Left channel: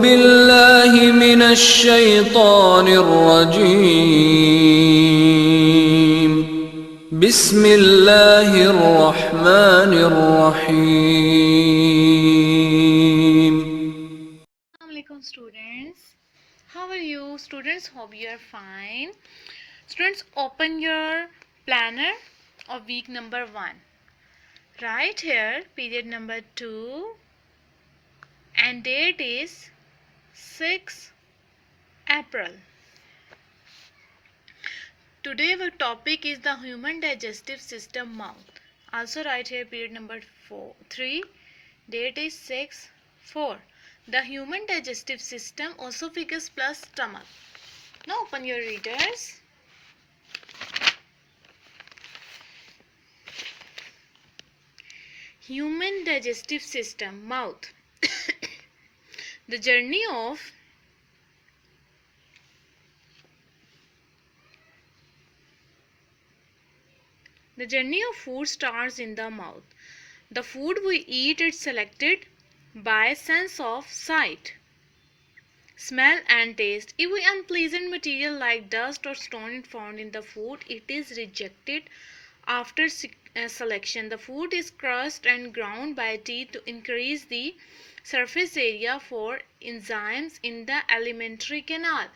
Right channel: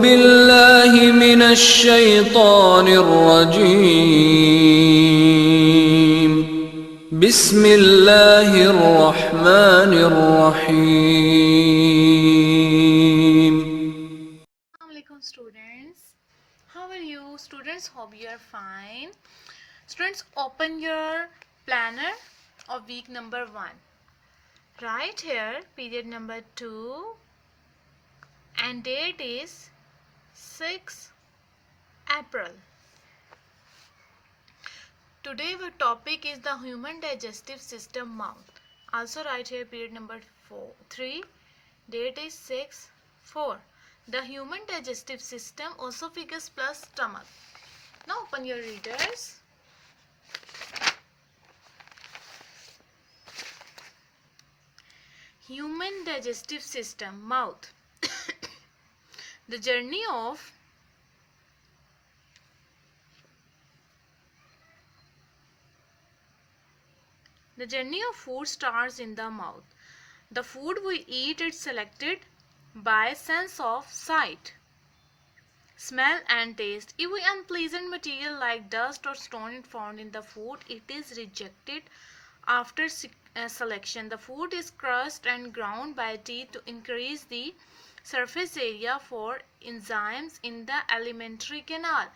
बिल्लाहि मिनश शैतानिर रजीम बिस्मिल्लाहिर रहमानिर रहीम। Assalamualaikum students, how are you students? Hope you are fine. Students, open your planner of week number 1. Right here period number 2 and date is 6 April. Today our topic is the human digestive system, mouth. Also write here period number 3, date is 6/4. The human digestive system, esophagus plus stomach. Now open your readers. Human digestive system, mouth. The journey of food starts in the mouth. The food we eat is selected by sense of sight, smell and taste. If unpleasant material like dust or stone is found in the food, it is rejected. After selection, the food is crushed and ground by teeth to increase the surface area for enzymes in the alimentary canal.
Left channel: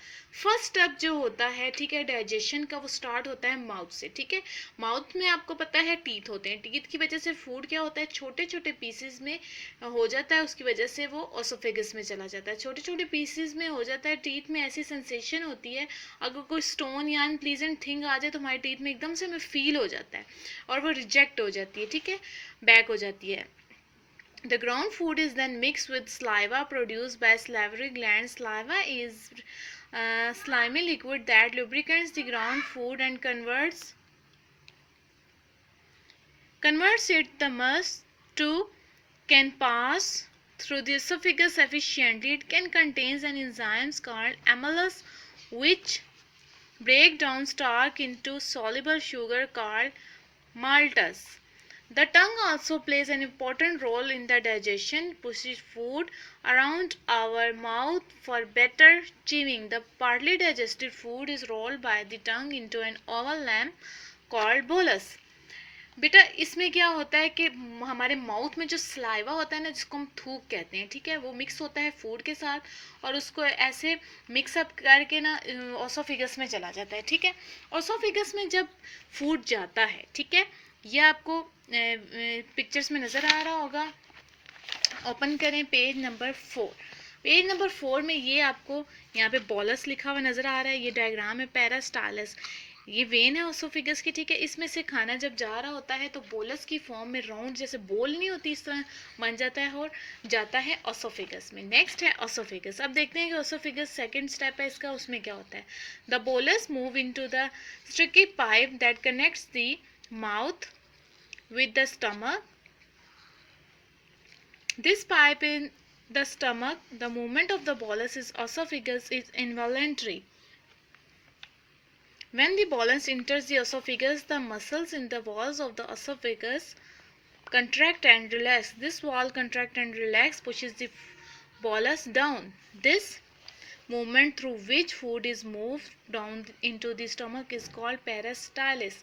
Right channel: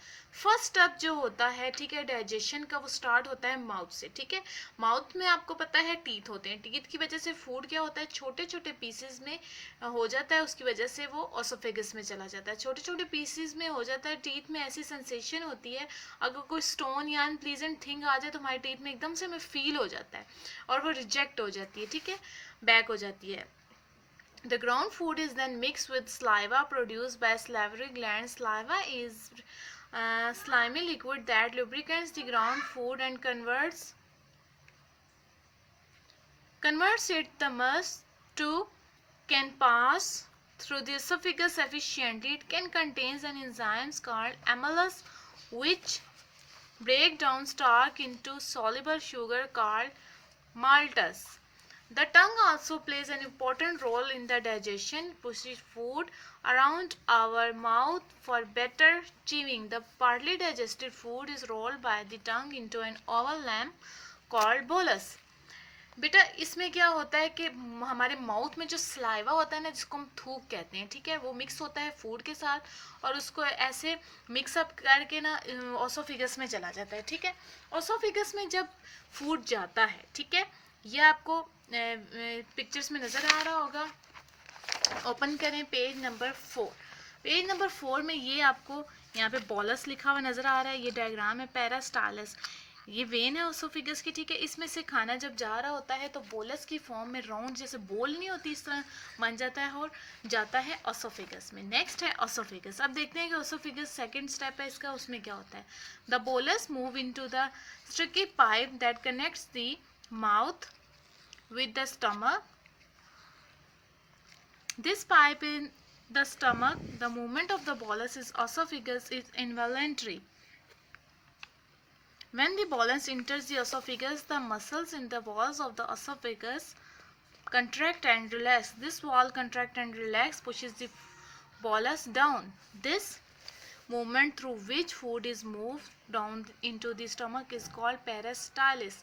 First step जो होता है, ठीक है, digestion का, वो start होता है mouth से. ठीक है, माउथ में आपको पता है टीथ होते हैं. टीथ की वजह से फूड क्या होता है, छोटे छोटे पीसेस में हो जाता है, उसकी वजह से वो ओसोफेगस में चला जाता है. छोटे छोटे पीसेस में हो जाता है, टीथ में ऐसी सेंसेशन होती है, अगर कोई स्टोन या अनप्लीजेंट थिंग आ जाए तो हमारे टीथ में एकदम से हमें फील हो जाता है और वो रिजेक्ट हो जाती है. ठीक है, बैक हो जाती है. The ground food is then mixed with saliva produced by salivary glands. Saliva is slimy liquid that lubricates the ground food and converts it the must to can pass through the esophagus efficiently. It can contain an enzymes called amylase which break down starch into soluble sugar called maltose. The tongue also plays an important role in the digestion, pushes food around our mouth for better chewing. The partly digested food is rolled by the tongue into an oval lamp called bolus. बेटा इसमें क्या होता है कि हमारे mouth में जो saliva होता है ना, जिसको हम थूक कहते हैं, ठीक है, वो मिक्स होता है फूड के साथ और उसको ऐसे मिक्सअप करके ना ओसोफिगस में चला जाता है. ठीक है, ओसोफिगस में जब फूड जाता है, ठीक है, ये आपको पिक्चर्स में नज़र आ रहा होगा. ओपन करें पेज नंबर 4. पेज नंबर 4 में ये आपको यहाँ पे बॉलस लिखा हुआ नज़र आ रहा है. ये डायग्राम है पेरास्टालस, ये वेन है ओसोफिगस की. ठीक है, इसमें से खाना जब जा रहा होता है तो बोलस की फॉर्म में राउंड जैसे बोल नहीं होती, इस तरह बन जाता है और जाता है ओसोफिगस में. नेक्स्ट है ओसोफिगस. अब देखते हैं कि ओसोफिगस सेकंड स्टेप है इसका, उसमें क्या होता है. The bolus move into the sticky pipe that connects the mouth with the stomach. This pipe in the stomach, the movement of the bolus is esophagus is involuntary. When the bolus enters the esophagus, the muscles in the walls of the esophagus contract and relax. This wall contract and relax pushes the bolus down. This movement through which food is moved down into the stomach is called peristalsis.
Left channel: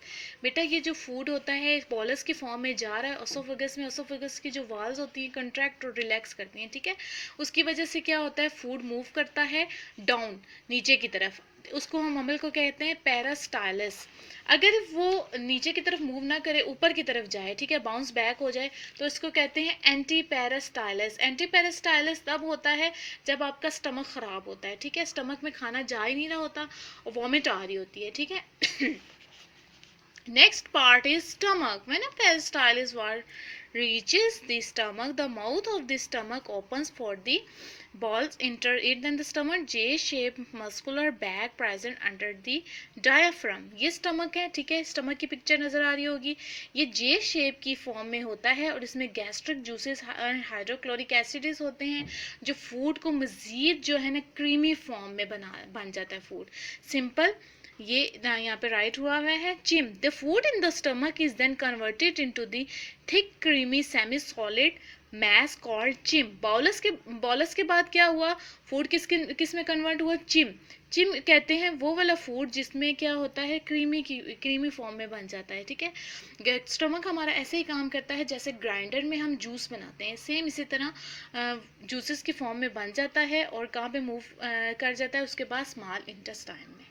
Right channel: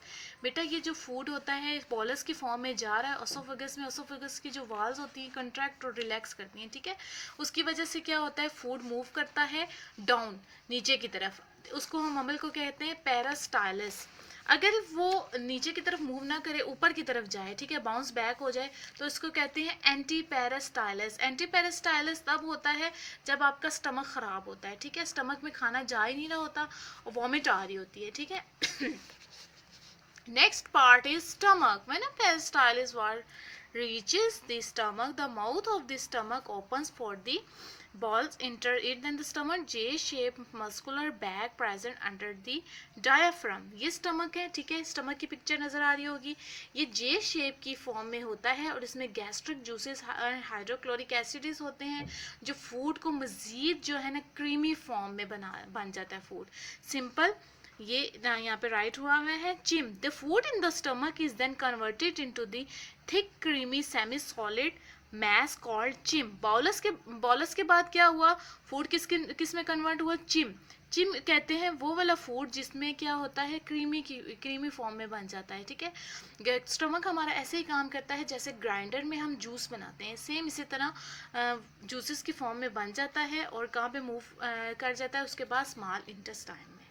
बेटा ये जो food होता है bolus की form में जा रहा है ओसोफेगस में, ओसोफेगस की जो वाल्स होती हैं कंट्रैक्ट और रिलैक्स करती हैं. ठीक है, उसकी वजह से क्या होता है, फूड मूव करता है डाउन, नीचे की तरफ. उसको हम अमल को कहते हैं पेरिस्टाइलस. अगर वो नीचे की तरफ मूव ना करे, ऊपर की तरफ जाए, ठीक है, बाउंस बैक हो जाए, तो इसको कहते हैं एंटी पेरिस्टाइलस. एंटी पेरिस्टाइलस तब होता है जब आपका स्टमक ख़राब होता है. ठीक है, स्टमक में खाना जा ही नहीं रहा होता और वॉमिट आ रही होती है. ठीक है, next part is stomach. When a peristaltic wave reaches the stomach, the mouth of the stomach opens for the balls enter it. Then the stomach J-shaped muscular bag present under the diaphragm. ये stomach है. ठीक है, stomach की picture नज़र आ रही होगी. ये जे shape की फॉर्म में होता है और इसमें गैस्ट्रिक जूसेस हाइड्रोक्लोरिक एसिड्स होते हैं जो फूड को मज़ीद जो है ना क्रीमी फॉर्म में बन जाता है फूड. सिंपल ये यहाँ पे राइट हुआ है chyme. The food in the stomach is then converted into the thick creamy semi solid mass called chim. bolus के बाद क्या हुआ, फूड किस में कन्वर्ट हुआ, चिम कहते हैं वो वाला फूड जिसमें क्या होता है, क्रीमी फॉर्म में बन जाता है, ठीक है। स्टमक हमारा ऐसे ही काम करता है जैसे ग्राइंडर में हम जूस बनाते हैं, सेम इसी तरह जूसेस की फॉर्म में बन जाता है और कहाँ पे मूव कर जाता है, उसके बाद स्मॉल इंटेस्टाइन में।